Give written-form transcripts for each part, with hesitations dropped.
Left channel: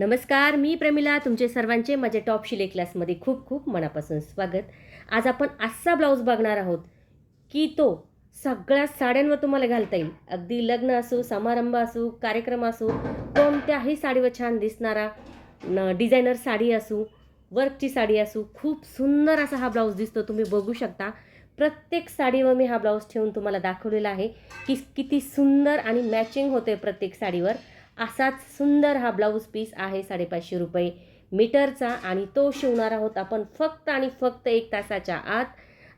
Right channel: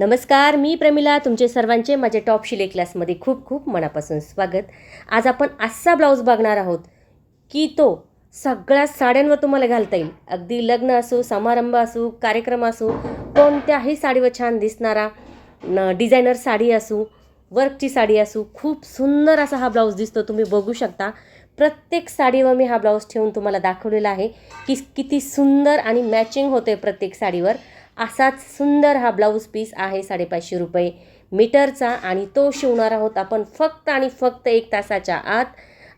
नमस्कार, मी प्रमिला. तुमचे सर्वांचे माझ्या टॉप शिलाई क्लासमध्ये खूप खूप मनापासून स्वागत. आज आपण असा ब्लाऊज बघणार आहोत की तो सगळ्या साड्यांवर तुम्हाला घालता येईल. अगदी लग्न असो, समारंभ असो, कार्यक्रम असो, कोणत्याही साडीवर छान दिसणारा डिझायनर साडी असो, वर्कची साडी असो, खूप सुंदर असा हा ब्लाऊज दिसतो. तुम्ही बघू शकता. प्रत्येक साडीवर मी हा ब्लाऊज ठेवून तुम्हाला दाखवलेला आहे की किती सुंदर आणि मॅचिंग होते प्रत्येक साडीवर. असाच सुंदर हा ब्लाऊज पीस आहे 550 रुपये मीटरचा आणि तो शिवणार आहोत आपण फक्त आणि फक्त 1 तासाच्या आत.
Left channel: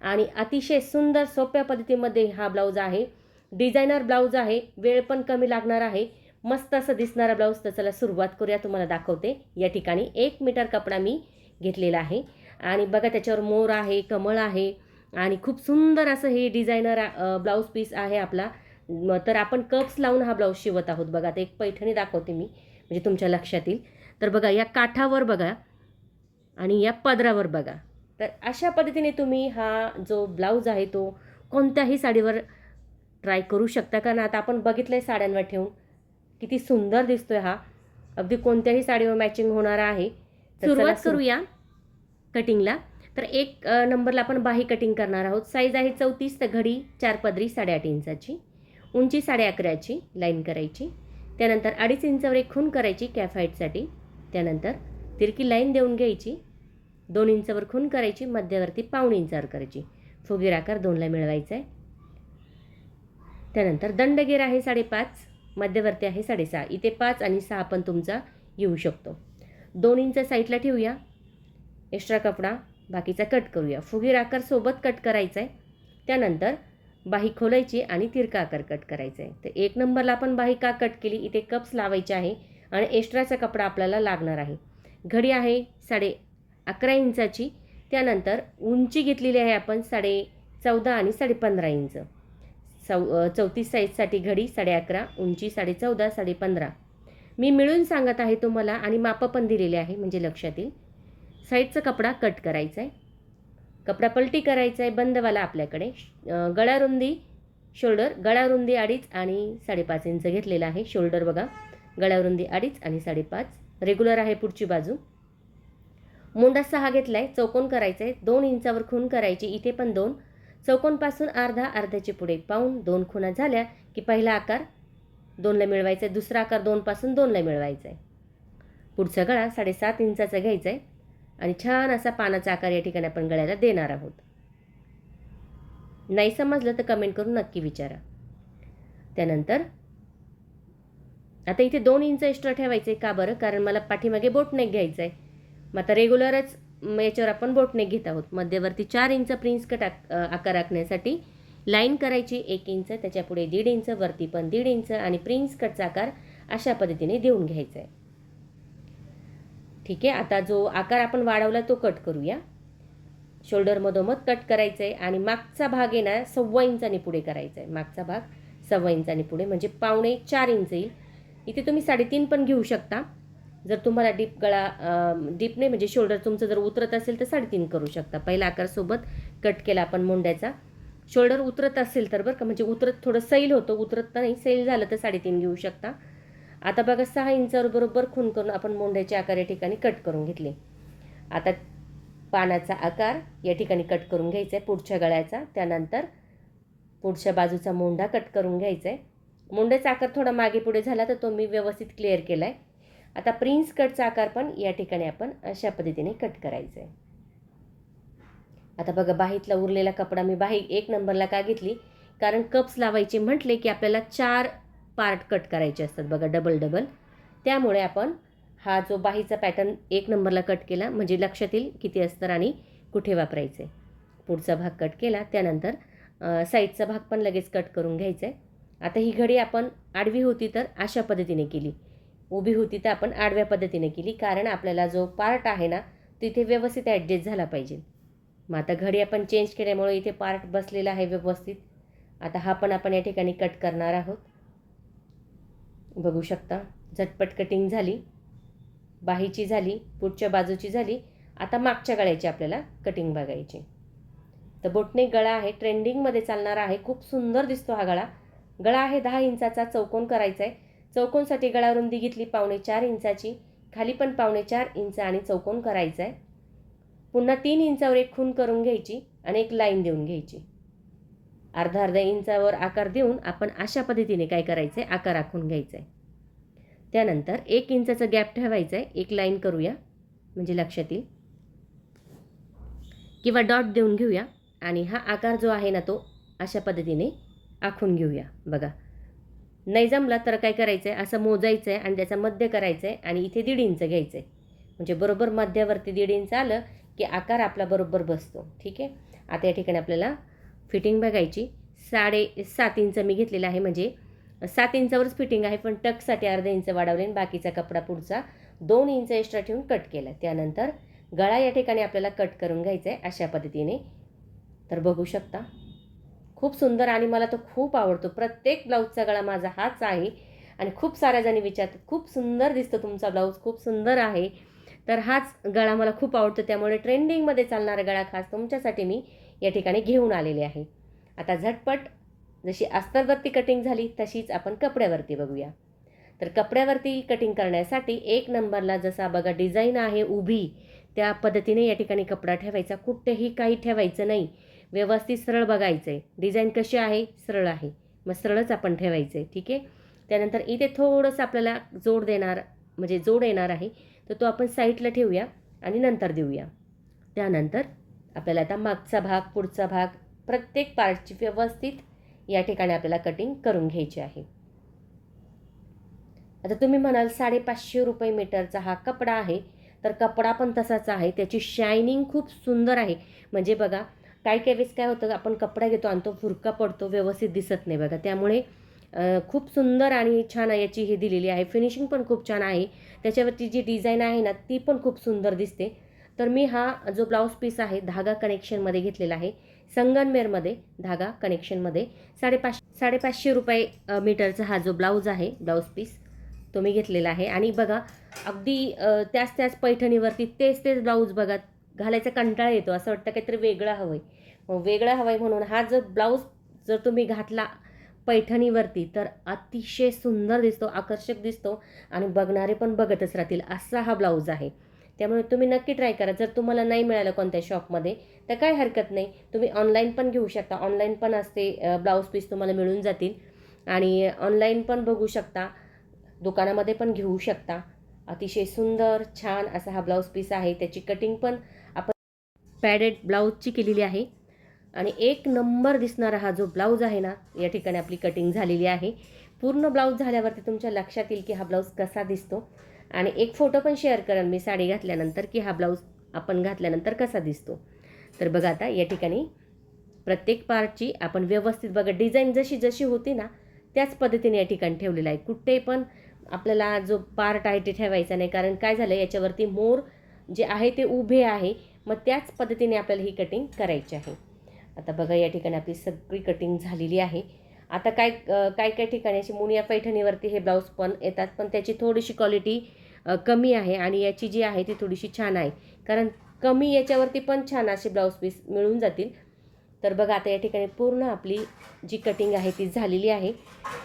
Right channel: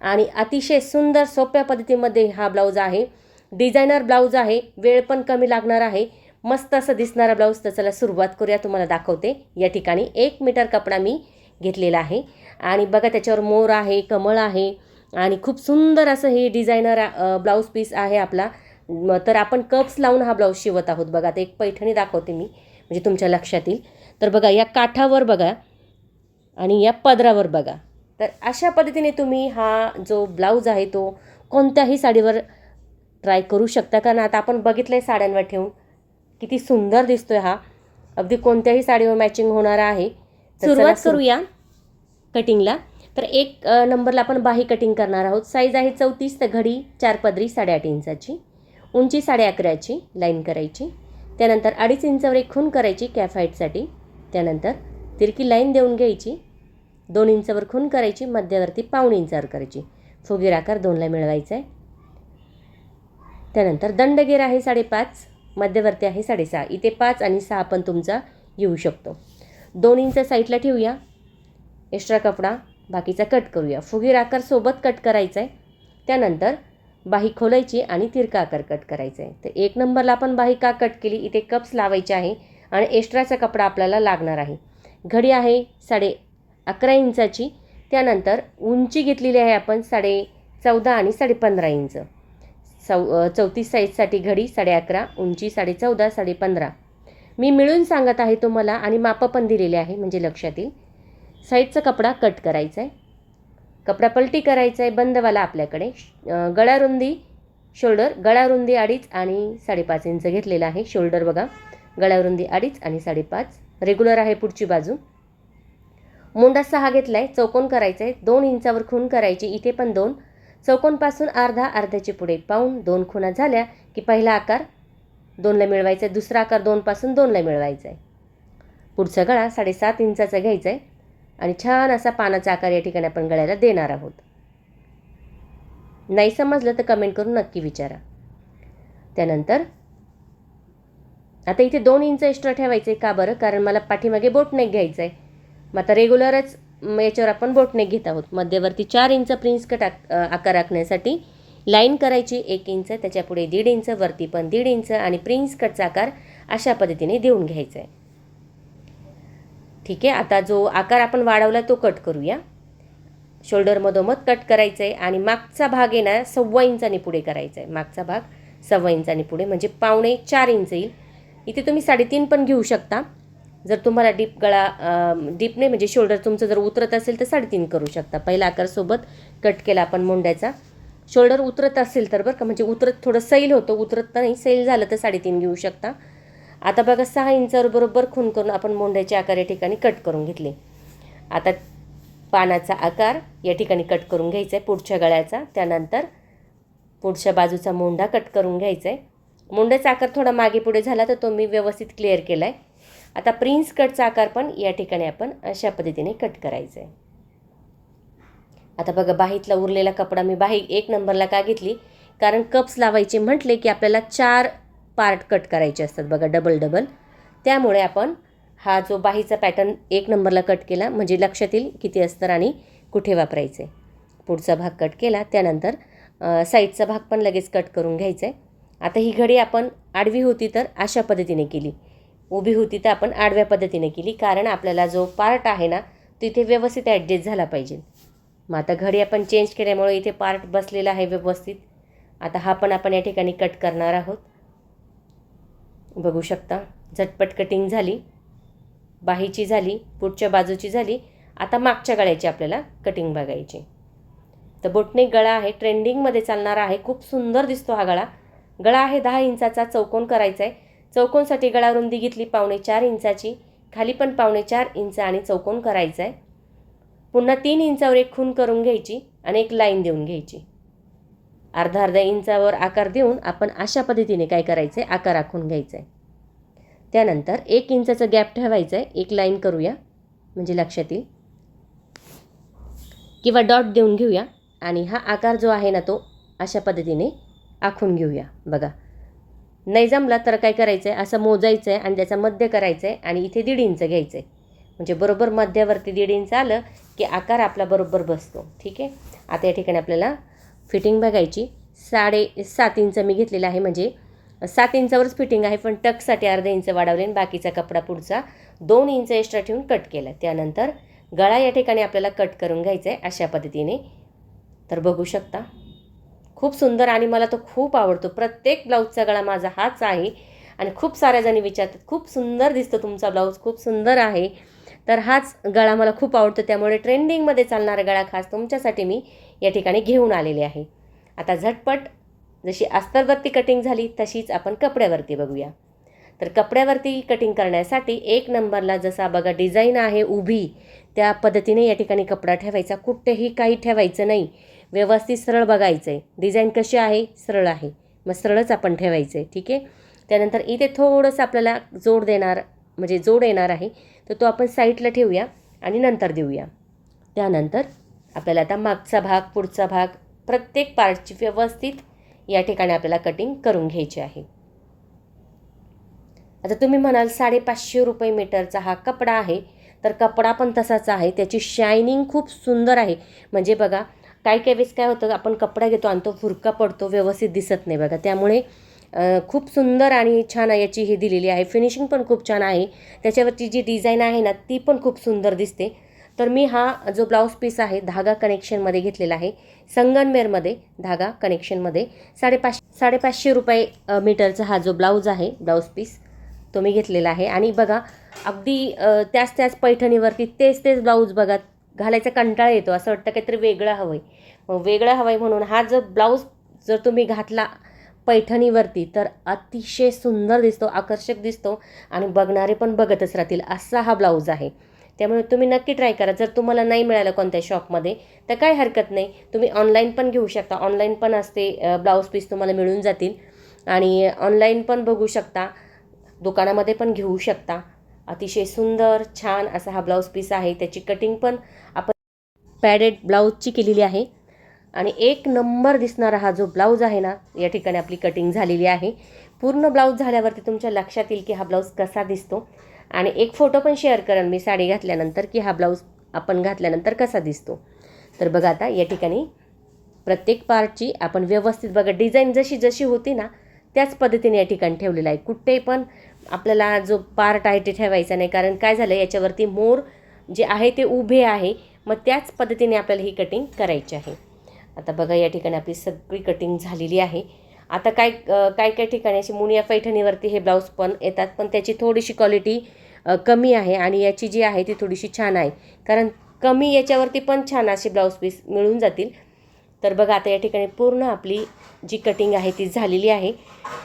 आणि अतिशय सुंदर सोप्या पद्धतीमध्ये हा ब्लाऊज आहे. डिझायनर ब्लाऊज आहे, वेळ पण कमी लागणार आहे, मस्त असं दिसणारा ब्लाऊज. तर चला सुरुवात करूया. तुम्हाला दाखवते. या ठिकाणी 1 मीटर कपडा मी घेतलेला आहे आणि बघा त्याच्यावर मोर आहे, कमळ आहे आणि खूप सुंदर असं हे डिझायनर ब्लाऊज पीस आहे आपला. तर आपण कप्स लावून हा ब्लाऊज शिवत आहोत. बघा आता एक पैठणी दाखवते मी म्हणजे तुमच्या लक्षात येईल. तर बघा या काठावर बघा आणि या पदरावर बघा. तर अशा पद्धतीने तुम्ही हा जो ब्लाऊज आहे तो कोणत्याही साडीवर ट्राय करू शकता. कारण आता आपण बघितलं आहे साड्यांवर ठेवून किती सुंदर दिसतोय हा. अगदी कोणत्याही साडीवर मॅचिंग होणारा आहे. सुरुवात करूया कटिंगला. तर 1 नंबरला आपण बाही कटिंग करणार आहोत. साईज आहे 34, तर घडी 4 पदरी 8.5 इंचाची, उंची 11.5ची लाईन करायची. त्यानंतर 2.5 इंचावर एक खूण करायची कॅफ हाईटसाठी. त्यानंतर तिरकी लाईन देऊन घ्यायची. 2 इंचावर खूण करायची, मध्यवर्ती 1.5 इंचावर करायची. फुगीर आकार 2ला मिळवायचा आहे. त्यानंतर दंडगेर आहे 5.5, मध्यवर्ती आहे 6.5. इथे 5 आणि 6 पण तुमचा येऊ शकतो. 2 इंच साईडला ठेवूया. एक्स्ट्रा कपडा बाकीचा कट करूया. फुगीर आकार सोबत कट करायचा आहे. त्यानंतर बाही खोलायची आणि तिरका आकार कट करायचा आहे. तर 1 नंबरला आपण बाही का कट केली, इथे कप्स लावायचे आहे आणि एक्स्ट्राचा कपडा आपल्याला लागणार आहे. घडी आहे 11.5 इंचाची. त्यानंतर उंची घेतलेली आहे आपण 14.5 आणि 15.5 इंच. 34 साईजसाठी घडी 11.5, उंची 14.5, 15.5 मी मिळून सांगत आहे तुम्हाला आणि मापं पण दिलेले आहे म्हणजे लक्षात येईल. साईडचा कपडा कट करायचा आहे. कपडा पलटी करायचा आहे बंदवाला आपल्याकडे. गळा रुंदी शोल्डर, गळा रुंदी 2.5 आणि 5.5 इंच घेतलेला आहे. शोल्डर बघा, गळा रुंदी 2.5 आणि 5.5. रेग्युलर आहे पुढची बाजू. मोंडा 6 घेतला आहे. चौकोन करायचा आहे. 2 इंचावर खूण करायची, इथे पण 2. चौकोनपासून अर्ध्याचे पुढे पाऊण. 2 खुणा झाल्या की पहिला आकार 2ला मिळवायचा आहे, दुसरा आकार 2 पासून 2ला मिळवायचा आहे. पुढचा गळा 7.5 इंचाचा घ्यायचा आहे आणि छान असा पानाचा आकार या ठिकाणी आपण गळ्याला देणार आहोत. नाही समजलं तर कमेंट करून नक्की विचारा. त्यानंतर आता इथे 2 इंच एक्स्ट्रा ठेवायचे. का बरं? कारण मला पाठीमागे बोटनेक घ्यायचं आहे. मग आता रेग्युलरच याच्यावर आपण बोटनेक घेत आहोत. मध्यवर्ती 4 इंच प्रिन्स कट आकार राखण्यासाठी लाईन करायची 1 इंच, त्याच्यापुढे 1.5 इंच, वरती पण 1.5 इंच आणि प्रिन्स कटचा आकार अशा पद्धतीने देऊन घ्यायचा आहे. ठीक आहे. आता जो आकार आपण वाढवला तो कट करूया. शोल्डर मधोमध कट करायचं आहे आणि मागचा भाग आहे ना 1.25 इंचांनी पुढे करायचा आहे. मागचा भाग 1.25 इंचांनी पुढे म्हणजे 3.25-4 इंच येईल. इथे तुम्ही 3.5 पण घेऊ शकता. जर तुम्हाला डीप नाही म्हणजे शोल्डर तुमचं जर उतरत असेल तर 3.5 करू शकता. पहिला आकार सोबत कट केला आपण मोंड्याचा. शोल्डर उतरत असेल तर बरं का, म्हणजे उतरत थोडं सैल होतं, उतरत तर नाही, सैल झालं तर 3.5 घेऊ शकता. आता बघा 6 इंचावर बरोबर खूण करून आपण मोंड्याचे आकार या ठिकाणी कट करून घेतले. आता पानाचा आकार या ठिकाणी कट करून घ्यायचा आहे पुढच्या गळ्याचा. त्यानंतर पुढच्या बाजूचा मोंढा कट करून घ्यायचा आहे. मोंढ्याचा आकार थोडा मागे पुढे झाला तर तो मी व्यवस्थित क्लिअर केला आहे. आता प्रिन्स कटचा आकार पण या ठिकाणी आपण अशा पद्धतीने कट करायचा आहे. आता बघा बाहीतला उरलेला कपडा मी बाही 1 नंबरला का घेतली, कारण कप्स लावायचे म्हटले की आपल्याला 4 पार्ट कट करायचे असतात बघा, डबल. त्यामुळे आपण हा जो बाहीचा पॅटर्न 1 नंबरला कट केला म्हणजे लक्षात येईल किती अस्तर आणि कुठे वापरायचे. पुढचा भाग कट केला. त्यानंतर साईडचा भाग पण लगेच कट करून घ्यायचा आहे. आता ही घडी आपण आडवी होती तर अशा पद्धतीने केली, उभी होती तर आपण आडव्या पद्धतीने केली, कारण आपल्याला जो पार्ट आहे ना तिथे व्यवस्थित ॲडजस्ट झाला पाहिजे. मग आता घडी आपण चेंज केल्यामुळे इथे पार्ट बसलेला आहे व्यवस्थित. आता हा पण आपण या ठिकाणी कट करणार आहोत. बघू शकता झटपट कटिंग झाली. बाहीची झाली, पुढच्या बाजूची झाली. आता मागच्या गळ्याची आपल्याला कटिंग बघायची. तर बोटनेक गळा आहे, ट्रेंडिंगमध्ये चालणारा आहे, खूप सुंदर दिसतो हा गळा. गळा आहे 10 इंचाचा. चौकोन करायचा आहे. चौकोनसाठी गळा रुंदी घेतली 3.25-4 इंचाची. खाली पण 4.25 इंच आणि चौकोन करायचा आहे. पुन्हा 3 इंचावर एक खूण करून घ्यायची आणि एक लाईन देऊन घ्यायची. अर्धा इंचावर आकार देऊन आपण अशा पद्धतीने काय करायचं आहे, आकार आखून घ्यायचा आहे. त्यानंतर 1 इंचाचा गॅप ठेवायचा आहे. एक लाईन करूया म्हणजे लक्षात येईल, किंवा डॉट देऊन घेऊया आणि हा आकार जो आहे ना तो अशा पद्धतीने आखून घेऊया. बघा, नाही जमला तर काय करायचं आहे, असं मोजायचं आहे आणि त्याचा मध्य करायचं आहे आणि इथे 1.5 इंच घ्यायचं आहे. म्हणजे बरोबर मध्यावरती 1.5 इंच आलं की आकार आपला बरोबर बसतो. ठीक आहे. आता या ठिकाणी आपल्याला फिटिंग बघायची. 7.5 इंच मी घेतलेला आहे, म्हणजे 7 इंचावरच फिटिंग आहे, पण टक्ससाठी अर्धा इंच वाढवले आणि बाकीचा कपडा पुढचा 2 इंच एक्स्ट्रा ठेवून कट केला. त्यानंतर गळा या ठिकाणी आपल्याला कट करून घ्यायचा आहे अशा पद्धतीने. तर बघू शकता, खूप सुंदर आणि मला तो खूप आवडतो. प्रत्येक ब्लाऊजचा गळा माझा हाच आहे आणि खूप साऱ्या जणी विचारतात, खूप सुंदर दिसतो तुमचा ब्लाऊज, खूप सुंदर आहे. तर हाच गळा मला खूप आवडतो, त्यामुळे ट्रेंडिंगमध्ये चालणारा गळा खास तुमच्यासाठी मी या ठिकाणी घेऊन आलेले आहे. आता झटपट जशी अस्तरवरती कटिंग झाली तशीच आपण कपड्यावरती बघूया. तर कपड्यावरती कटिंग करण्यासाठी 1 नंबरला जसा बघा डिझाईन आहे उभी, त्या पद्धतीने या ठिकाणी कपडा ठेवायचा. कुठेही काही ठेवायचं नाही, व्यवस्थित सरळ बघायचं आहे. डिझाईन कशी आहे, सरळ आहे, मग सरळच आपण ठेवायचं आहे. ठीक आहे. त्यानंतर इथे थोडंसं आपल्याला जोड येणार आहे, तर तो आपण साईडला ठेवूया आणि नंतर देऊया. त्यानंतर आपल्याला आता मागचा भाग, पुढचा भाग, प्रत्येक पार्टची व्यवस्थित या ठिकाणी आपल्याला कटिंग करून घ्यायची आहे. आता तुम्ही म्हणाल 550 रुपये मीटरचा हा कपडा आहे, तर कपडा पण तसाच आहे. त्याची शायनिंग खूप सुंदर आहे. म्हणजे बघा, काही वेळेस काय होतं, आपण कपडा घेतो आणि तो फुरका पडतो, व्यवस्थित दिसत नाही बघा. त्यामुळे खूप सुंदर आणि छान याची हे दिलेली आहे. फिनिशिंग पण खूप छान आहे. त्याच्यावरची जी डिझाईन आहे ना ती पण खूप सुंदर दिसते. तर मी हा जो ब्लाऊज पीस आहे धागा कनेक्शनमध्ये घेतलेला आहे, संगमनेरमध्ये धागा कनेक्शनमध्ये. 550 रुपये मीटरचा हा जो ब्लाऊज आहे, ब्लाऊज पीस तो मी घेतलेला आहे. आणि बघा, अगदी त्याच पैठणीवरती तेच ब्लाऊज बघा, घालायचा कंटाळा येतो. असं वाटतं काहीतरी वेगळं हवं आहे. मग वेगळं हवं आहे म्हणून हा जो ब्लाऊज जर तुम्ही घातला पैठणीवरती तर अतिशय सुंदर दिसतो, आकर्षक दिसतो आणि बघणारे पण बघतच राहतील, असा हा ब्लाऊज आहे. त्यामुळे तुम्ही नक्की ट्राय करा. जर तुम्हाला नाही मिळालं कोणत्या शॉपमध्ये तर काही हरकत नाही, तुम्ही ऑनलाईन पण घेऊ शकता. ऑनलाईन पण असते ब्लाऊज पीस, तुम्हाला मिळून जातील आणि ऑनलाईन पण बघू शकता, दुकानामध्ये पण घेऊ शकता. अतिशय सुंदर छान असा हा ब्लाऊज पीस आहे. त्याची कटिंग पण आपण पॅडेड ब्लाऊजची केलेली आहे आणि 1 नंबर दिसणारा हा जो ब्लाऊज आहे ना, या ठिकाणी आपली कटिंग झालेली आहे. पूर्ण ब्लाऊज झाल्यावरती तुमच्या लक्षात येईल की हा ब्लाऊज कसा दिसतो आणि एक फोटो पण शेअर करेन मी साडी घातल्यानंतर की हा ब्लाऊज आपण घातल्यानंतर कसा दिसतो. तर बघा, आता या ठिकाणी प्रत्येक पार्टची आपण व्यवस्थित बघा, डिझाईन जशी होती ना त्याच पद्धतीने या ठिकाणी ठेवलेला आहे. कुठे पण आपल्याला जो पार्ट आहे ते ठेवायचा नाही, कारण काय झालं, याच्यावरती मोर जे आहे ते उभे आहे, मग त्याच पद्धतीने आपल्याला ही कटिंग करायची आहे. आता बघा, या ठिकाणी आपली सगळी कटिंग झालेली आहे. आता काय ठिकाणी अशी मुनिया पैठणीवरती हे ब्लाऊज पण येतात, पण त्याची थोडीशी क्वालिटी कमी आहे आणि याची जी आहे ती थोडीशी छान आहे, कारण कमी याच्यावरती पण छान असे ब्लाऊज पीस मिळून जातील. तर बघा, आता या ठिकाणी पूर्ण आपली जी कटिंग आहे ती झालेली आहे.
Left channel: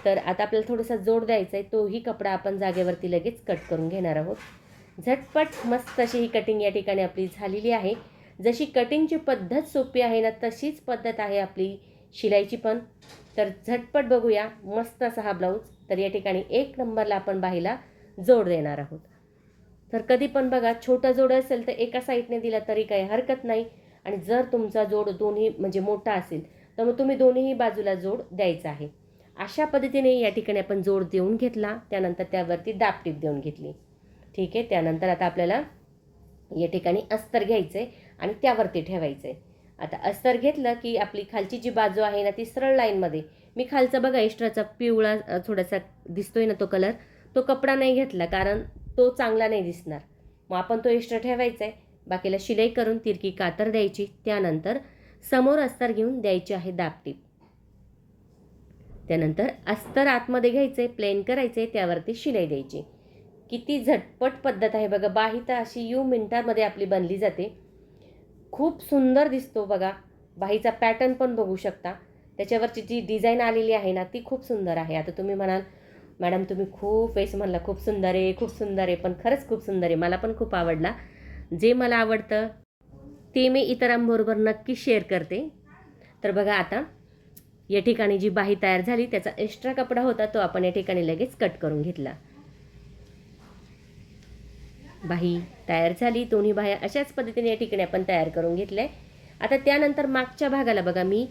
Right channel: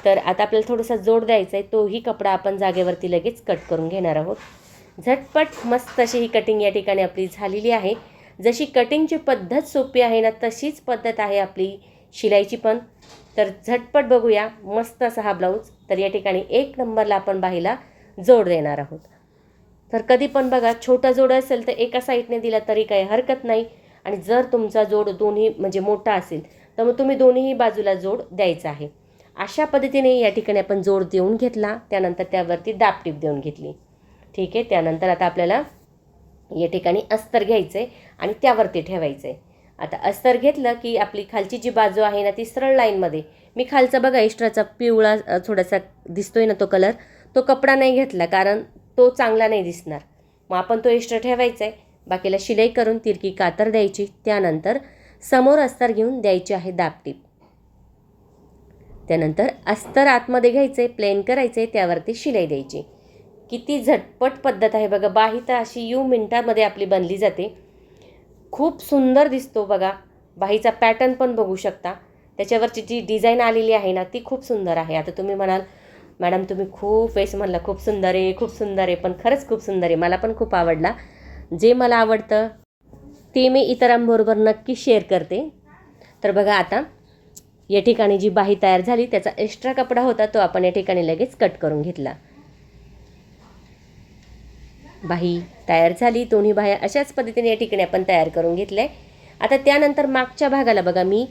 तर आता आपल्याला थोडासा जोड द्यायचा आहे, तोही कपडा आपण जागेवरती लगेच कट करून घेणार आहोत. झटपट मस्त अशी ही कटिंग या ठिकाणी आपली झालेली आहे. जशी कटिंगची पद्धत सोपी आहे ना, तशीच पद्धत आहे आपली शिलाईची पण. तर झटपट बघूया मस्त असा हा ब्लाऊज. तर या ठिकाणी 1 नंबरला आपण बाहीला जोड देणार आहोत. तर कधी पण बघा, छोटा जोड असेल तर एका साईडने दिला तरी काही हरकत नाही, आणि जर तुमचा जोड दोन्ही म्हणजे मोठा असेल तर मग तुम्ही दोन्हीही बाजूला जोड द्यायचा आहे. अशा पद्धतीने या ठिकाणी आपण जोड देऊन घेतला, त्यानंतर त्यावरती दाबटीप देऊन घेतली. ठीक आहे. त्यानंतर आता आपल्याला या ठिकाणी अस्तर घ्यायचं आहे आणि त्यावरती ठेवायचं आहे. आता अस्तर घेतलं की आपली खालची जी बाजू आहे ना ती सरळ लाईनमध्ये, मी खालचा बघा एक्स्ट्राचा पिवळा थोडासा दिसतोय ना तो कलर, तो कपडा नाही घेतला कारण तो चांगला नाही दिसणार. मग आपण तो एक्स्ट्रा ठेवायचा आहे. बाकीला शिलाई करून तिरकी कातर द्यायची. त्यानंतर समोर अस्तर घेऊन द्यायची आहे दाबटीप. त्यानंतर अस्तर आतमध्ये घ्यायचे, प्लेन करायचे, त्यावरती शिलाई द्यायची. किती झटपट पद्धत आहे बघा. बाही तर अशी मिनिटांमध्ये आपली बनली जाते. खूप सुंदर दिसतो बघा. बाहीचा पॅटर्न पण बघू शकता. त्याच्यावरची जी डिझाईन आलेली आहे ना ती खूप सुंदर आहे. आता तुम्ही म्हणाल मॅडम तुम्ही खूप वेळेस म्हणला खूप सुंदर आहे, खूप सुंदर आहे, पण खरंच खूप सुंदर आहे. मला पण खूप आवडला. जे मला आवडतं ते मी इतरांबरोबर नक्की शेअर करते. तर बघा आता या ठिकाणी जी बाही तयार झाली त्याचा एक्स्ट्रा कपडा होता तो आपण या ठिकाणी लगेच कट करून घेतला. बाही तयार झाली, दोन्ही बाह्या अशाच पद्धतीने या ठिकाणी आपण तयार करून घेतल्या. आता त्यानंतर मागच्या भागाला बघा मी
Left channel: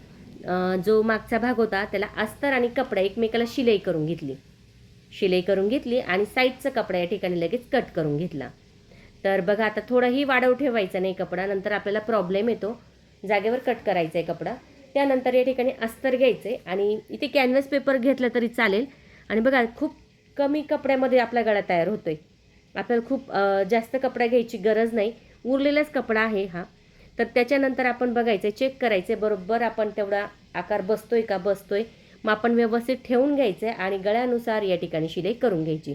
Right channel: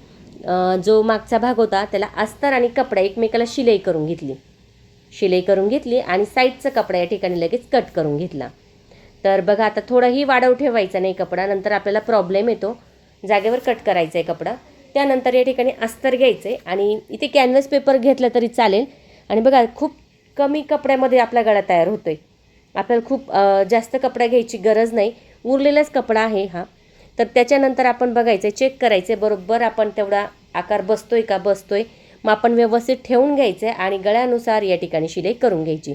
जो मागचा भाग होता त्याला अस्तर आणि कपडा एकमेकाला शिलाई करून घेतली आणि साईडचा कपडा या ठिकाणी लगेच कट करून घेतला. तर बघा आता थोडाही वाढव ठेवायचा नाही कपडा, नंतर आपल्याला प्रॉब्लेम येतो. जागेवर कट करायचा आहे कपडा. त्यानंतर या ठिकाणी अस्तर घ्यायचं आहे आणि इथे कॅनव्हास पेपर घेतला तरी चालेल. आणि बघा खूप कमी कपड्यामध्ये आपला गळा तयार होतो आहे. आपल्याला खूप जास्त कपडा घ्यायची गरज नाही, उरलेलाच कपडा आहे हा. तर त्याच्यानंतर आपण बघायचं, चेक करायचं बरोबर आपण तेवढा आकार बसतोय का, बसतोय. मग आपण व्यवस्थित ठेवून घ्यायचं आणि गळ्यानुसार या ठिकाणी शिलाई करून घ्यायची.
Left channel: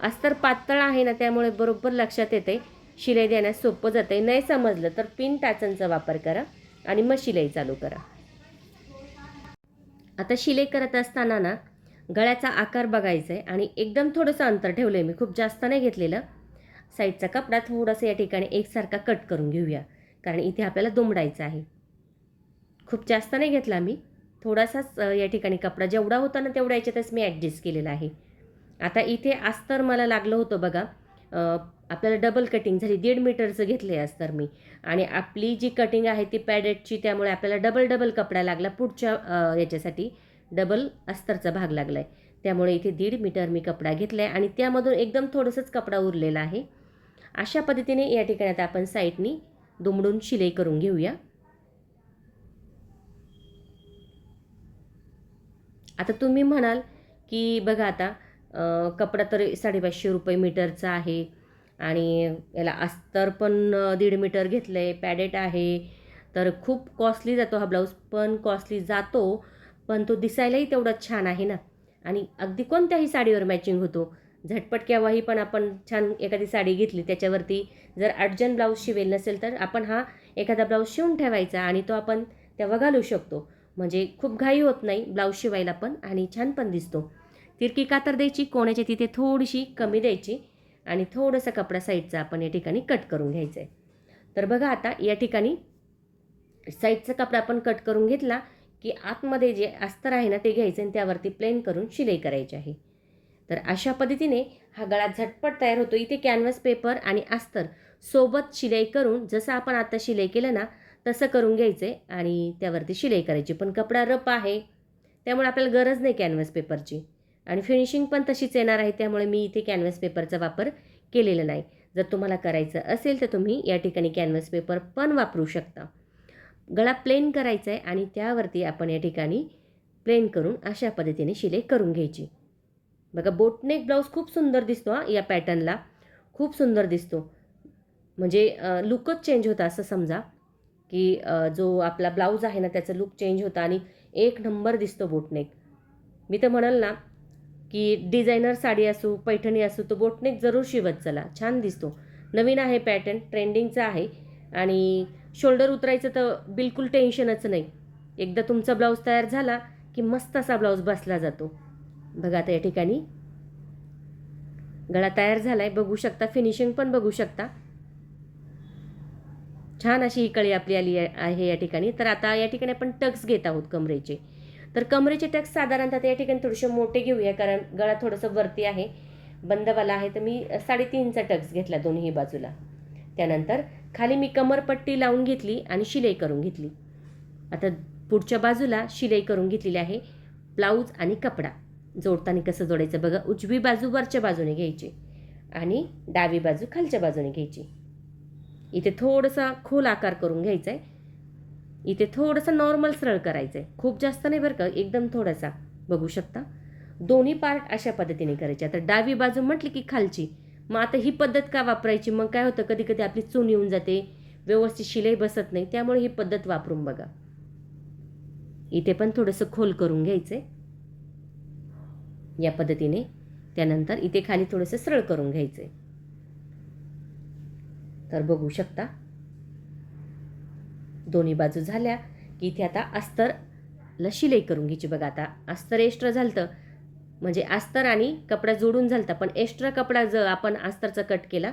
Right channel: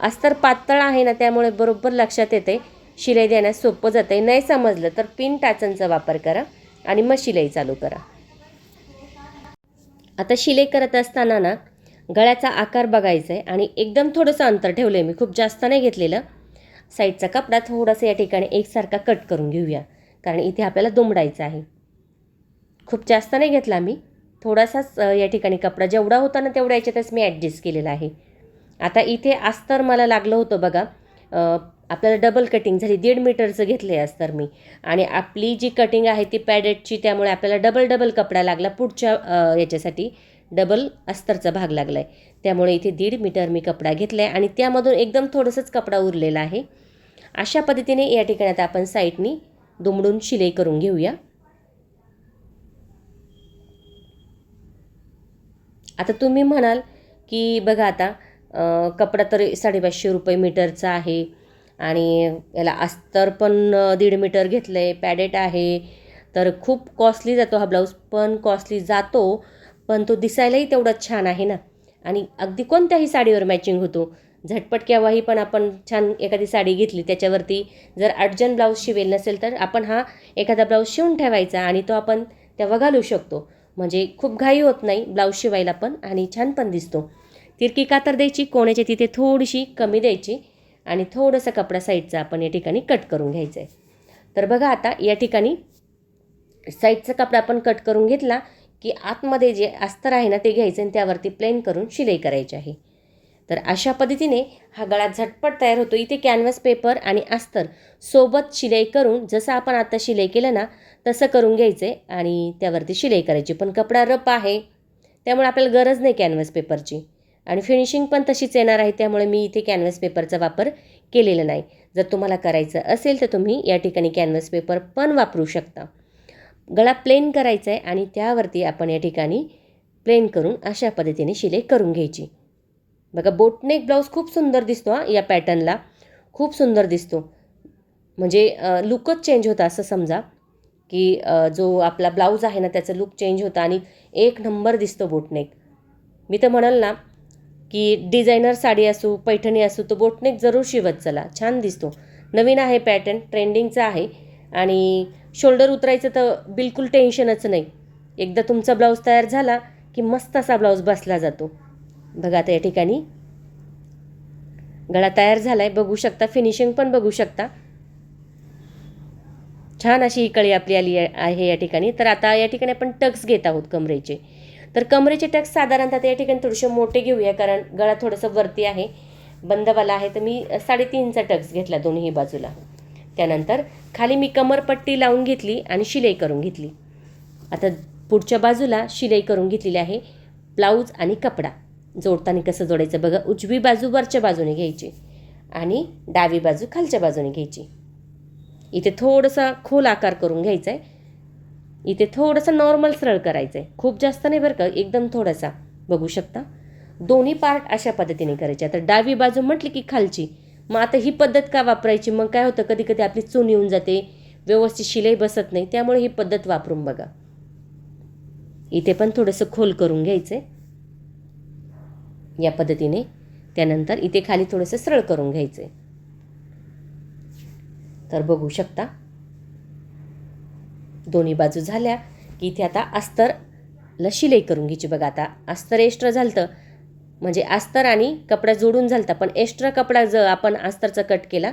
अस्तर पातळ आहे ना त्यामुळे बरोबर लक्षात येते, शिलाई देण्यास सोपं जाते. नाही समजलं तर पिन टाचनचा वापर करा आणि मग शिलाई चालू करा. आता शिलाई करत असताना ना गळ्याचा आकार बघायचा आहे आणि एकदम थोडंसं अंतर ठेवलं आहे मी, खूप जास्त नाही घेतलेलं. साईडचा कपडा थोडासा या ठिकाणी एकसारखा कट करून घेऊया, कारण इथे आपल्याला दुमडायचं आहे. खूप जास्त नाही घेतला मी, थोडासाच या ठिकाणी कपडा जेवढा होता ना तेवढ्या याच्यातच मी ॲडजस्ट केलेला आहे. आता इथे अस्तर मला लागलं होतं बघा, आपल्याला डबल कटिंग झाली, 1.5 मीटरचं घेतलं आहे अस्तर मी. आणि आपली जी कटिंग आहे ती पॅडेटची, त्यामुळे आपल्याला डबल कपडा लागला पुढच्या याच्यासाठी, डबल अस्तरचा भाग लागला आहे. त्यामुळे इथे 1.5 मीटर मी कपडा घेतला आहे आणि त्यामधून एकदम थोडंसंच कपडा उरलेला आहे. अशा पद्धतीने या ठिकाणी आता आपण साईडनी दुमडून शिलाई करून घेऊया. आता तुम्ही म्हणाल की बघा आता कपडा तर 550 रुपये मीटरचा आहे आणि याला अस्तर पण 1.5 मीटर घेतलं आहे, पॅडेट आहे, तर खूप कॉस्टली जातो हा ब्लाऊज. पण कॉस्टली जातो, पण तो दिसायलाही तेवढाच छान आहे ना. आणि अगदी कोणत्याही साडीवर मॅचिंग होतो. झटपट केव्हाही पण आपण छान एखादी साडी घेतली, त्याच्यावरती जर अर्जंट ब्लाऊज शिवेल नसेल तर आपण हा एखादा ब्लाऊज शिवून ठेवायचा आणि तो आपण तेव्हा घालू शकतो. म्हणजे खूप घाई होत नाही ब्लाऊज शिवायला पण आणि छान पण दिसतो. तिरकी कातर द्यायची, कोण्याच्या तिथे थोडीशी कमी द्यायची आणि थोडंसं कपडा साईडचा आपण या ठिकाणी कट करून घ्यायचं आहे. तर बघा आता या ठिकाणी साईडचा कपडा आपण कट करून घेतला की आतमध्ये जे अस्तर आहे ना ते घ्यायचं आणि त्यावरती प्लेन करून शिलाई करायची आहे. तर अशा पद्धतीने हा गळा झटपट तयार होतो. इथे कॅनव्हास पेपर आणि अस्तर सोबत शिलाई करून, जसं आपण आता शिलाई केलं ना तसं करून घ्यायचं आहे आणि त्यावरती शिलाई करायची. पण कपडा रफ आहे त्यामुळे आपल्याला गरज नाही कॅनव्हास पेपरची आणि फिनिशिंग पण तशीच येणार आहे, त्यामुळे मी इथे कॅनव्हास पेपरचा वापर केलेला नाही. जर तुम्हाला करायचं असेल तर तुम्ही या ठिकाणी कॅनव्हास पेपर पण वापरू शकता. गळा प्लेन करायचा आहे आणि त्यावरती आपण या ठिकाणी प्लेन करून अशा पद्धतीने शिलाई करून घ्यायची. बघा बोटनेक ब्लाऊज खूप सुंदर दिसतो या पॅटर्नला, खूप सुंदर दिसतो. म्हणजे लुकच चेंज होता असं समजा की जो आपला ब्लाऊज आहे ना त्याचं लुक चेंज होतं आणि एक नंबर दिसतो बोटनेक. मी तर म्हणाल ना की डिझायनर साडी असू, पैठणी असू, तो बोटनेक जरूर शिवत चला, छान दिसतो. नवीन आहे पॅटर्न, ट्रेंडिंगचा आहे आणि शोल्डर उतरायचं तर बिलकुल टेन्शनच नाही. एकदा तुमचा ब्लाऊज तयार झाला की मस्त असा ब्लाऊज बसला जातो. बघा आता या ठिकाणी गळा तयार झाला आहे, बघू शकता, फिनिशिंग पण बघू शकता. छान अशी ही कळी आपली आली आहे या ठिकाणी. तर आता या ठिकाणी आपण टक्स घेत आहोत कमरेचे. तर कमरेचे टक्स साधारणतः या ठिकाणी थोडेसे मोठे घेऊया, कारण गळा थोडंसं वरती आहे, बंदवाला आहे. तर मी 3.5चा टक्स घेतला दोन्ही बाजूला. त्यानंतर खाली मी कमरपट्टी लावून घेतली आणि शिलाई करून घेतली. आता पुढच्या बाजूला शिलाई करून घेतलेली आहे. ब्लाऊज आणि कपडा जोडताना कसं जोडायचं बघा, उजवी बाजू वरच्या बाजूने घ्यायची आणि डावी बाजू खालच्या बाजूने घ्यायची. इथे थोडासा खोल आकार करून घ्यायचा आहे, इथे थोडंसं नॉर्मल सरळ करायचं आहे, खूप जास्त नाही बरं का, एकदम थोडासा. बघू शकता दोन्ही पार्ट अशा पद्धतीने करायचे. आता डावी बाजू म्हटली की खालची. मग आता ही पद्धत का वापरायची, मग काय होतं कधी कधी आपली चून येऊन जाते, व्यवस्थित शिलाई बसत नाही, त्यामुळे ही पद्धत वापरून बघा. इथे पण थोडंसं खोल करून घ्यायचं आहे या पद्धतीने. त्यानंतर इथे खाली थोडंसं सरळ करून घ्यायचं आहे. तर बघू शकता दोन्ही बाजू झाल्या की इथे आता अस्तरला शिलाई करून घ्यायची. बघा आता अस्तर एक्स्ट्रा झालं म्हणजे अस्तर आणि कपडा जोडून झालता, पण एक्स्ट्रा कपडा जर आपण अस्तरचा कट केला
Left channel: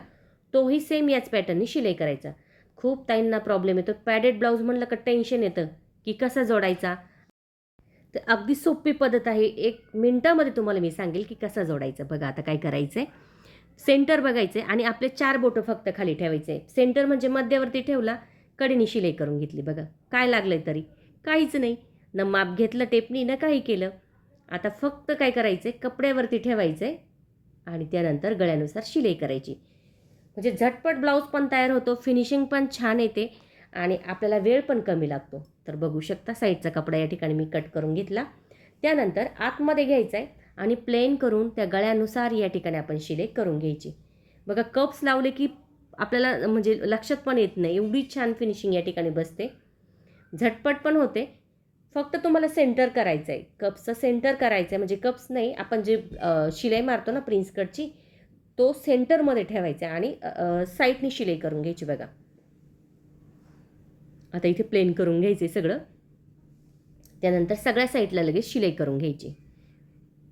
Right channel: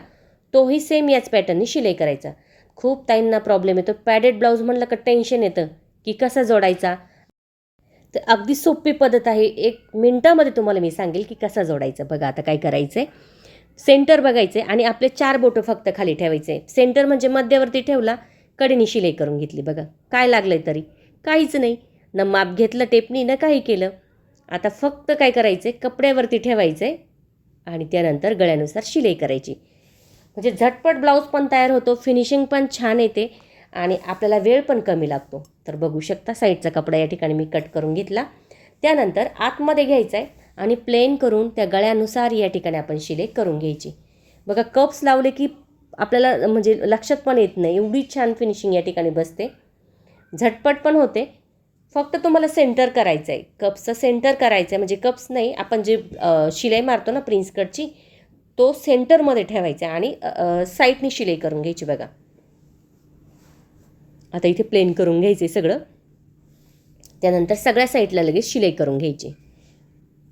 तोही सेम याच पॅटर्ननी शिलाई करायचा. खूप ताईंना प्रॉब्लेम येतो, पॅडेड ब्लाऊज म्हणलं का टेन्शन येतं की कसा जोडायचा. तर अगदी सोपी पद्धत आहे, 1 मिनिटामध्ये तुम्हाला मी सांगेल की कसा जोडायचा. बघा आता काय करायचं आहे, सेंटर बघायचे आणि आपले 4 बोटं फक्त खाली ठेवायचे. सेंटर म्हणजे मध्यवर्ती ठेवला, कडेने शिलाई करून घेतली. बघा काय लागलं तरी काहीच नाही, न माप घेतलं टेपनी न काही केलं. आता फक्त काय करायचं, कपड्यावरती ठेवायचं आणि त्यानंतर गळ्यानुसार शिलाई करायची. म्हणजे झटपट ब्लाऊज पण तयार होतो, फिनिशिंग पण छान येते आणि आपल्याला वेळ पण कमी लागतो. तर बघू शकता साईडचा कपडा या ठिकाणी मी कट करून घेतला. त्यानंतर आतमध्ये घ्यायचा आहे आणि प्लेन करून त्या गळ्यानुसार या ठिकाणी आपण शिलाई करून घ्यायची. बघा कप्स लावले की आपल्याला म्हणजे लक्षात पण येत नाही, एवढी छान फिनिशिंग या ठिकाणी बसते, झटपट पण होते. फक्त तुम्हाला सेंटर करायचं आहे, कप्सचं सेंटर करायचं आहे. म्हणजे कप्स नाही, आपण जे शिलाई मारतो ना प्रिन्स कटची, तो सेंटरमध्ये ठेवायचा आणि साईडनी शिलाई करून घ्यायची. बघा आता इथे प्लेन करून घ्यायचे सगळं. त्यानंतर सगळ्या साईडला लगेच शिलाई करून घ्यायची.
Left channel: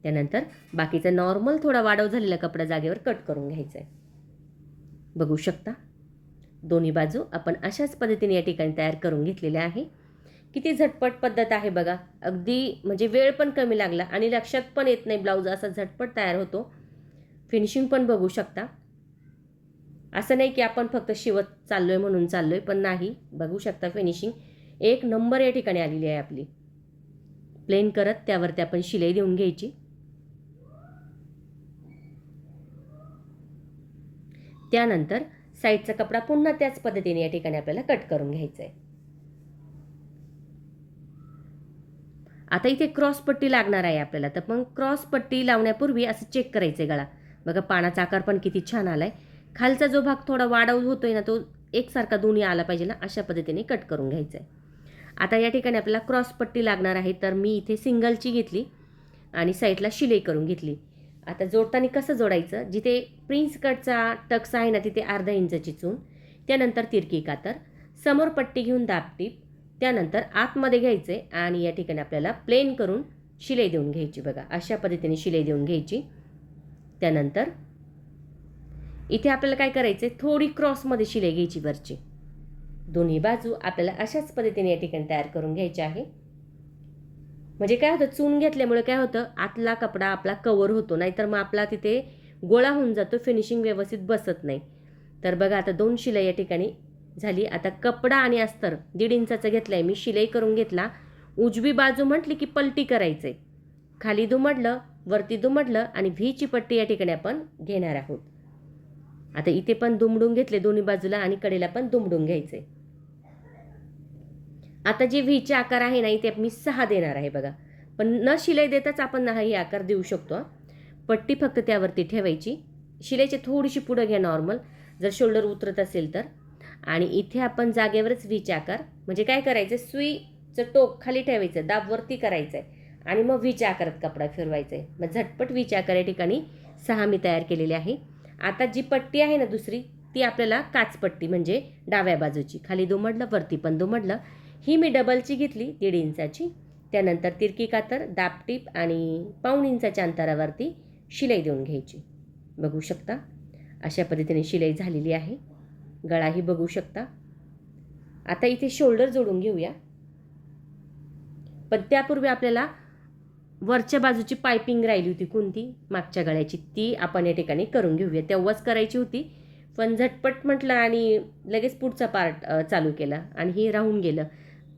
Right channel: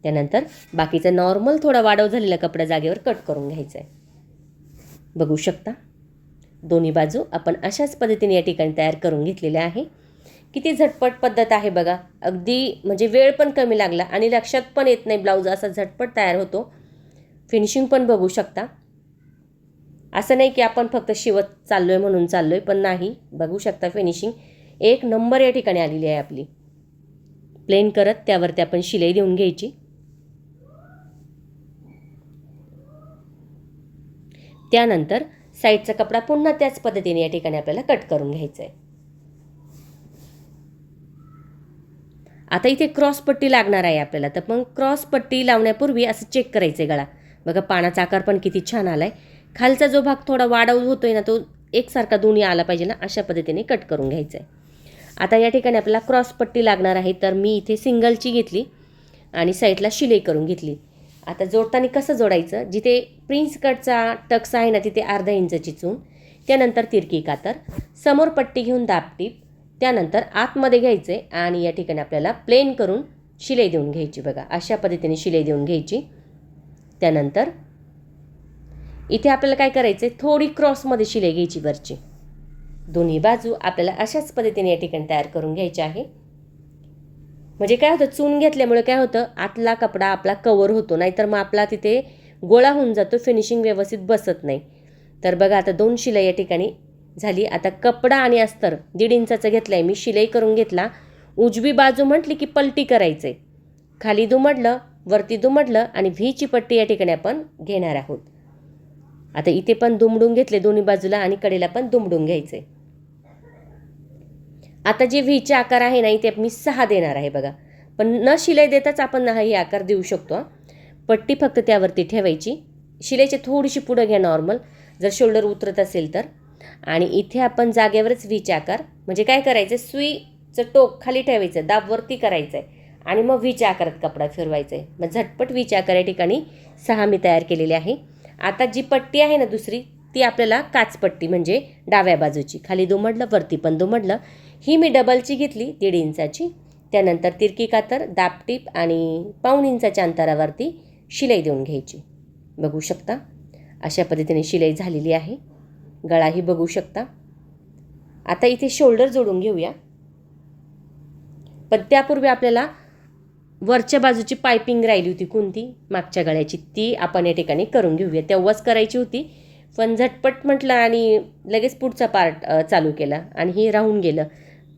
त्यानंतर बाकीचा नॉर्मल थोडा वाढव झालेला कपडा जागेवर कट करून घ्यायचा आहे. बघू शकता दोन्ही बाजू आपण अशाच पद्धतीने या ठिकाणी तयार करून घेतलेल्या आहे. किती झटपट पद्धत आहे बघा, अगदी म्हणजे वेळ पण कमी लागला आणि लक्षात पण येत नाही, ब्लाऊज असा झटपट तयार होतो. फिनिशिंग पण बघू शकता, असं नाही की आपण फक्त शिवत चाललोय म्हणून चाललोय, पण नाही, बघू शकता फिनिशिंग 1 नंबर या ठिकाणी आलेली आहे आपली. प्लेन करत त्यावरती आपण शिलाई देऊन घ्यायची. त्यानंतर साईडचा कपडा पुन्हा त्याच पद्धतीने या ठिकाणी आपल्याला कट करून घ्यायचा आहे. आता इथे क्रॉस पट्टी लागणार आहे आपल्याला, तर मग क्रॉस पट्टी लावण्यापूर्वी असं चेक करायचं आहे गळा. बघा पानाचा आकार पण किती छान आला आहे. खालचा जो भाग थोडा वाढव होतोय ना, तो एकसारखा दोन्ही आला पाहिजे ना, अशा पद्धतीने कट करून घ्यायचं आहे. आता या ठिकाणी आपल्याला क्रॉस पट्टी लागणार आहे, तर मी इथे सिंगलची घेतली आणि साईडला शिलाई करून घेतली. आता जोडताना कसं जोडायचं, जिथे प्रिन्स कटचा टक्स आहे ना तिथे अर्धा इंच चून, त्यानंतर तिरकी कातर, समोर पट्टी घेऊन दाबटीप, त्यानंतर आतमध्ये घ्यायचे आणि या ठिकाणी आपल्याला प्लेन करून शिलाई देऊन घ्यायची. बघा अशा पद्धतीने शिलाई देऊन घ्यायची. त्यानंतर इथे आपल्याला काय करायचं, थोडी क्रॉसमध्ये शिलाई घ्यायची वरची. दोन्ही बाजू आपल्याला अशाच पद्धतीने या ठिकाणी तयार करून घ्यायची आहे. म्हणजे काय होतं, चून घेतल्यामुळे काय होतं, आतला कपडा आपला कवर होतो, नाहीतर मग आपला तिथे गोळा होऊन जातो, फिनिशिंग व्यवस्थित बसत नाही. तर बघा आता 2 शिलाई या ठिकाणी झाली. आता कपडा आणि अस्तर 1.5 इंचाचा घेतला आहे मी, शिलाई करून घेतला. उजवी बाजू म्हटली की पलटी करायचं आहे, खाली दुमडलं वरती दुमडलं आणि व्हीची पट्टी या ठिकाणी आपण घेणार आहोत. आता इथे पण दुमडून घेतले दोन्ही बाजूला आणि कडेला पण दुमडून घ्यायचे. आता जे व्हीचे आकार आहे ना, इथे मी 6 देणार आहे बघा, पण न शिलाई देताच आपण हा आकार देऊ शकतो. पट्टी फक्त त्यावरती ठेवायची, शिलाईची थोडीशी पुढं घ्या नॉर्मल, जर शोल्डर उतरत असेल तर. आणि इथे आपण जागेवरच व्हीचे आकार, म्हणजे काय करायचं, सुईचं टोक खाली ठेवायचं, दाब वरती करायचं आहे आणि मग व्हीच्या आकारात कपडा फिरवायचा आहे. मग झटपट व्हीच्या आकार या ठिकाणी 6 मी तयार केलेली आहे. आता जी पट्टी आहे ना दुसरी, ती आपल्याला काचपट्टी म्हणजे डाव्या बाजूची, खाली दुमडलं वरती पण दुमडलं, ही मी डबलची घेतली 1.5 इंचाची. त्यानंतर तिरकी कातर, दाबटीप आणि पाऊण इंचाच्या अंतरावरती शिलाई देऊन घ्यायची. बघू शकता अशा पद्धतीने शिलाई झालेली आहे. गळाही बघू शकता. आता इथे शोल्डर जोडून घेऊया, पण त्यापूर्वी आपल्याला वरच्या बाजूची पायपिंग राहिली होती कोणती, मागच्या गळ्याची, ती आपण या ठिकाणी करून घेऊया. तेव्हाच करायची होती, पण झटपट म्हटलं आणि लगेच पुढचा पार्ट चालू केला आणि हे राहून गेलं.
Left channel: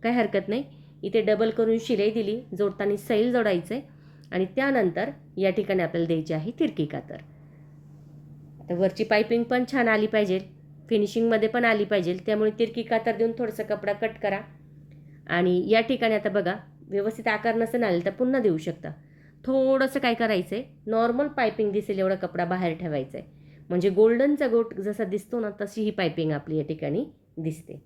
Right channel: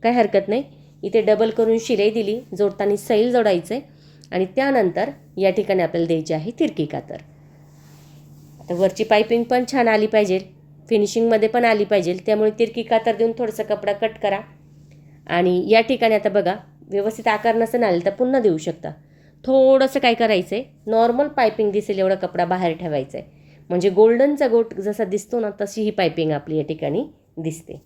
काय हरकत नाही, इथे डबल करून शिलाई दिली, जोडताना सैल जोडायचं आहे आणि त्यानंतर या ठिकाणी आपल्याला द्यायची आहे तिरकी कातर. आता वरची पायपिंग पण छान आली पाहिजे, फिनिशिंगमध्ये पण आली पाहिजे, त्यामुळे तिरकी कातर देऊन थोडंसं कपडा कट करा. आणि या ठिकाणी आता बघा व्यवस्थित आकार नसेल आले तर पुन्हा देऊ शकता. थोडंसं काय करायचं आहे, नॉर्मल पायपिंग दिसेल एवढा कपडा बाहेर ठेवायचा आहे, म्हणजे गोल्डनचा गोट जसा दिसतो ना तशी ही पायपिंग आपली या ठिकाणी दिसते.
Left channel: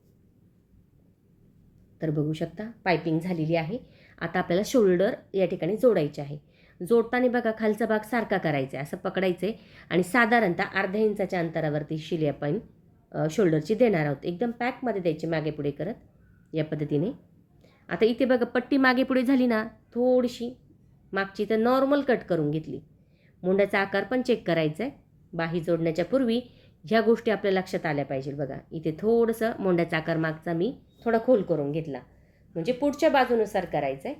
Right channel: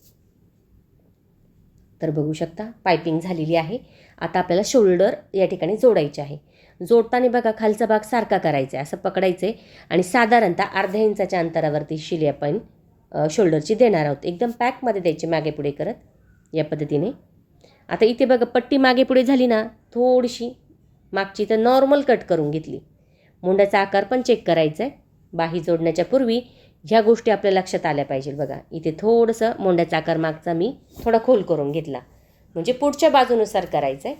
तर बघू शकता पायपिंग झालेली आहे. आता आपल्याला शोल्डर या ठिकाणी जोडायचे आहे. जोडताना बघा खालचा भाग सारखा करायचा आहे, असं पकडायचं आहे आणि साधारणतः अर्ध्या इंचाच्या अंतरावरती शिलाई आपण शोल्डरची देणार आहोत. एकदम पॅकमध्ये द्यायची मागे पुढे करत या पद्धतीने. आता इथे बघा पट्टी मागे पुढे झाली ना थोडीशी, मागची तर नॉर्मल कट करून घेतली. मुंड्याचा आकार पण चेक करायचा आहे. बाही जोडण्याच्या पूर्वी ह्या गोष्टी आपल्या लक्षात आल्या पाहिजे. बघा इथे थोडंसं मुंड्याचा आकार मागचा मी थोडा खोल करून घेतला, म्हणजे पुढच्या बाजूनुसार करायचं आहे.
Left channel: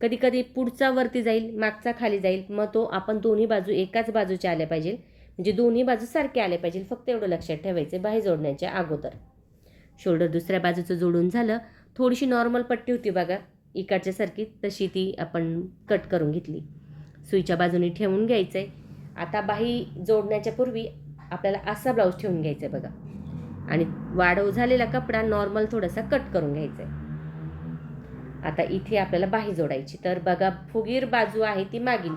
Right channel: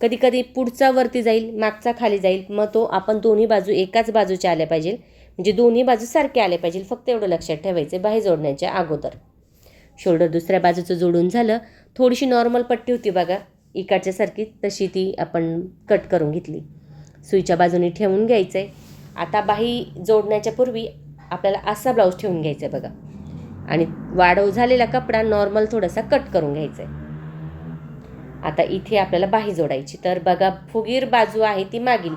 कधी कधी पुढचा वरती जाईल, मागचा खाली जाईल, मग तो आपण दोन्ही बाजू एकाच बाजूच्या आल्या पाहिजे, म्हणजे दोन्ही बाजू सारखे आले पाहिजे. फक्त एवढं लक्षात ठेवायचं बाही जोडण्याच्या अगोदर. शोल्डर दुसऱ्या बाजूचं जोडून झालं. थोडीशी नॉर्मल पट्टी होती बघा इकडच्या सारखी, तशी ती आपण कट करून घेतली. सुईच्या बाजूने ठेवून घ्यायचं आहे. आता बाही जोडण्याच्या पूर्वी आपल्याला असा ब्लाऊज ठेवून घ्यायचा आहे बघा, आणि वाढव झालेला कपडा नॉर्मल थोडासा कट करून घ्यायचा आहे. आता इथे आपल्याला बाही जोडायची. तर बघा फुगीर बाजू आहे ती मागील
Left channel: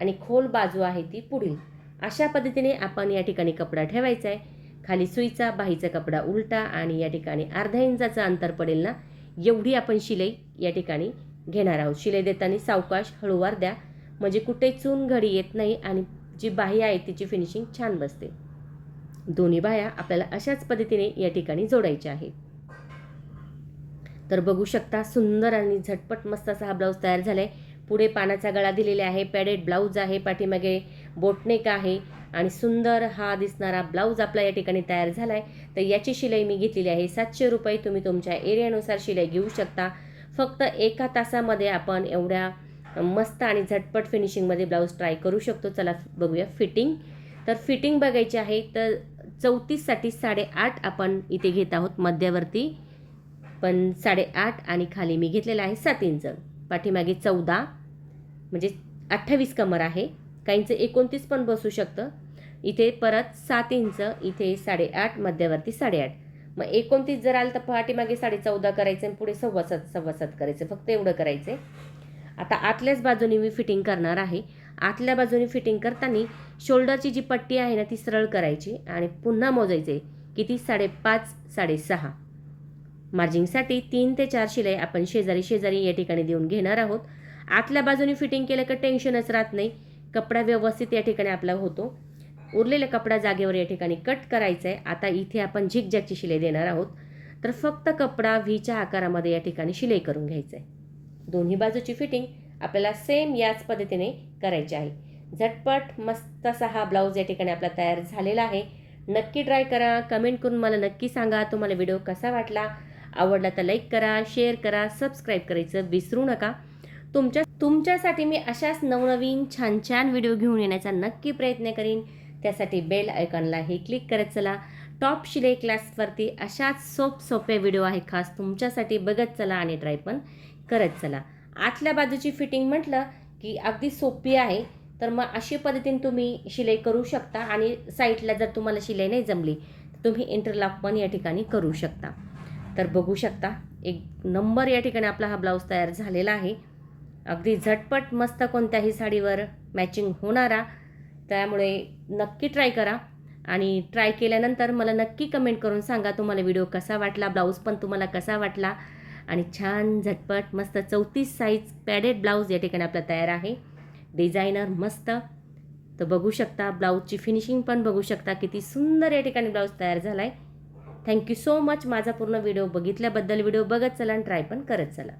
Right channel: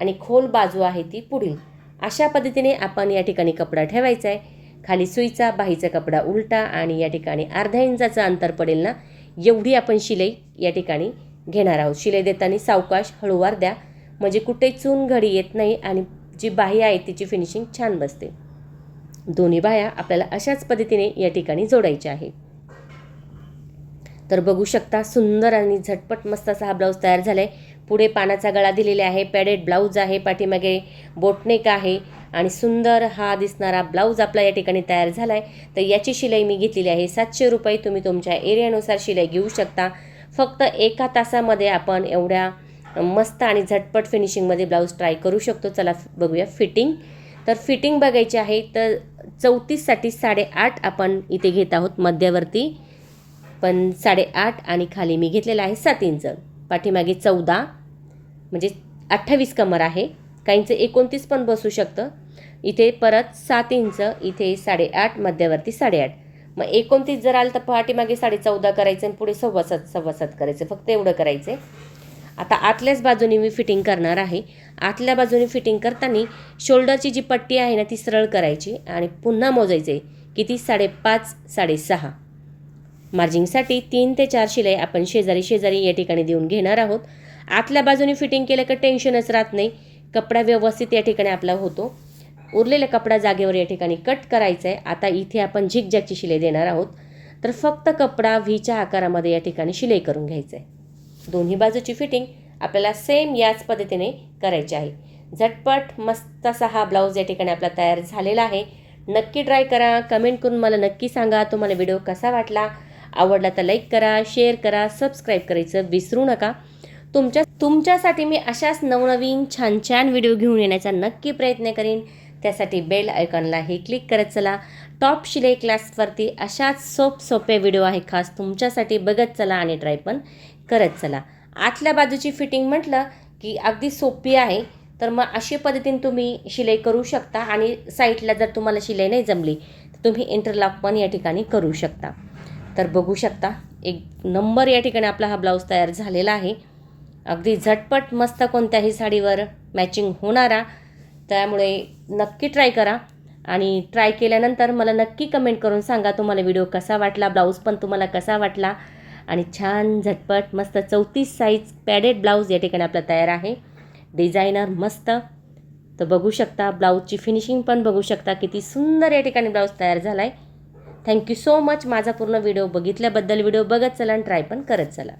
आणि खोल बाजू आहे ती पुढील. अशा पद्धतीने आपण या ठिकाणी कपडा ठेवायचा आहे. खाली सुईचा, बाहीचा कपडा उलटा, आणि या ठिकाणी अर्धा इंचाचं अंतर पडेल ना एवढी आपण शिलाई या ठिकाणी घेणार आहोत. शिलाई देताना सावकाश हळूवार द्या, म्हणजे कुठे चून घडी येत नाही आणि जी बाही आहे तिची फिनिशिंग छान बसते. दोन्ही बाह्या आपल्याला अशाच पद्धतीने या ठिकाणी जोडायच्या आहे. तर बघू शकता सुंदर आणि झटपट मस्त असा हा ब्लाऊज तयार झाला आहे. पुढे पानाचा गळा दिलेला आहे, पॅडेड ब्लाऊज आहे, पाठीमागे बोटनेक आहे, आणि सुंदर हा दिसणारा ब्लाऊज आपला या ठिकाणी तयार झाला आहे. तर याची शिलाई मी घेतलेली आहे 700 रुपये. तुम्ही तुमच्या एरियानुसार शिलाई घेऊ शकता. फक्त 1 तासामध्ये आपण एवढ्या मस्त आणि झटपट फिनिशिंगमध्ये ब्लाऊज ट्राय करू शकतो. चला बघूया फिटिंग. तर फिटिंग बघायची आहे. तर 34साठी 8.5 आपण इथे घेत आहोत मध्यावरती, पण 8.5 आणि खाली मी घेतलेला आहे 7 इंच. पाठीमागे 14 म्हणजे 28 कमर आहे. काहींचं 29 पण बसू शकतं. इथे परत 7 इंच, इथे 8.5, मध्यावरती 8.5. मग 29 जर आलं तर पाठीमागे 14.5 करायचं आणि पुढे 7.25 करायचं. फक्त एवढं करायचं आहे. आता आतल्याच बाजूने मी फिटिंग करणार आहे. आतल्या बाजूने फिटिंग करताना शोल्डरची जी पट्टी आहे ना ती सरळ करायची आणि पुन्हा मोजायचे किती 5.5 6.5. मार्जिंगसाठी 3 ते 4 शिलाई आपण शेजारी शेजारी या ठिकाणी देऊन घेणार आहोत. आतल्या बाजूने फिटिंग केलं का टेन्शनच राहत नाही. कपडा व्यवस्थित या ठिकाणी आपला होतो. उरलेला कपडा जागेवर या ठिकाणी कट करायचा आहे. आता इथे आपण झिगझॅगची शिलाई देणार आहोत. तर फक्त कपडा व्हीच्या आकारामध्ये या ठिकाणी शिलाई करून घ्यायचं आहे. दोन्ही बाजूची फिटिंग आपल्याला सेम याच पद्धतीने करायची आहे. झटपट मस्त असा हा ब्लाऊज या ठिकाणी आपला तयार झालेला आहे. नक्की ट्राय करा. कमेंट करून मला नक्की सांगा तुम्हाला व्हिडिओ कसा वाटला. आवडला तर लाईक करा, शेअर करा, सबस्क्राईब करायचं विसरू नका. तुमच्यासाठी मी अशाच नवनवीन छान छान व्हिडिओ घेऊन येण्याचा नक्की प्रयत्न करीन. त्यासाठी बेल आयकॉनलाही क्लिक करत चला. टॉप शिलाई क्लासवरती अशाच सोपे व्हिडिओ आहे खास तुमच्यासाठी. बघत चला आणि ट्राय पण करत चला. आतल्या बाजूची फिटिंग म्हटलं की अगदी सोपी आहे. तर मग अशी पद्धतीने तुम्ही शिलाई करू शकता, आणि साईडला जर तुम्हाला शिलाई नाही जमली तर तुम्ही इंटरलॉक पण या ठिकाणी करू शकता. तर बघू शकता एक नंबर या ठिकाणी आपला हा ब्लाऊज तयार झालेला आहे. अगदी झटपट मस्त कोणत्याही साडीवर मॅचिंग होणारा. त्यामुळे नक्की ट्राय करा, आणि ट्राय केल्यानंतर मला नक्की कमेंट करून सांगा तुम्हाला व्हिडिओ कसा वाटला, ब्लाऊज पण तुम्हाला कसा वाटला. आणि छान झटपट मस्त 34 साईज पॅडेड ब्लाऊज या ठिकाणी आपला तयार आहे. डिझायनर मस्त. तर बघू शकता ब्लाऊजची फिनिशिंग पण बघू शकता किती सुंदर या ठिकाणी ब्लाऊज तयार झाला आहे. थँक्यू सो मच माझा पूर्ण व्हिडिओ बघितल्याबद्दल. व्हिडिओ बघत चला आणि ट्राय पण करत चला.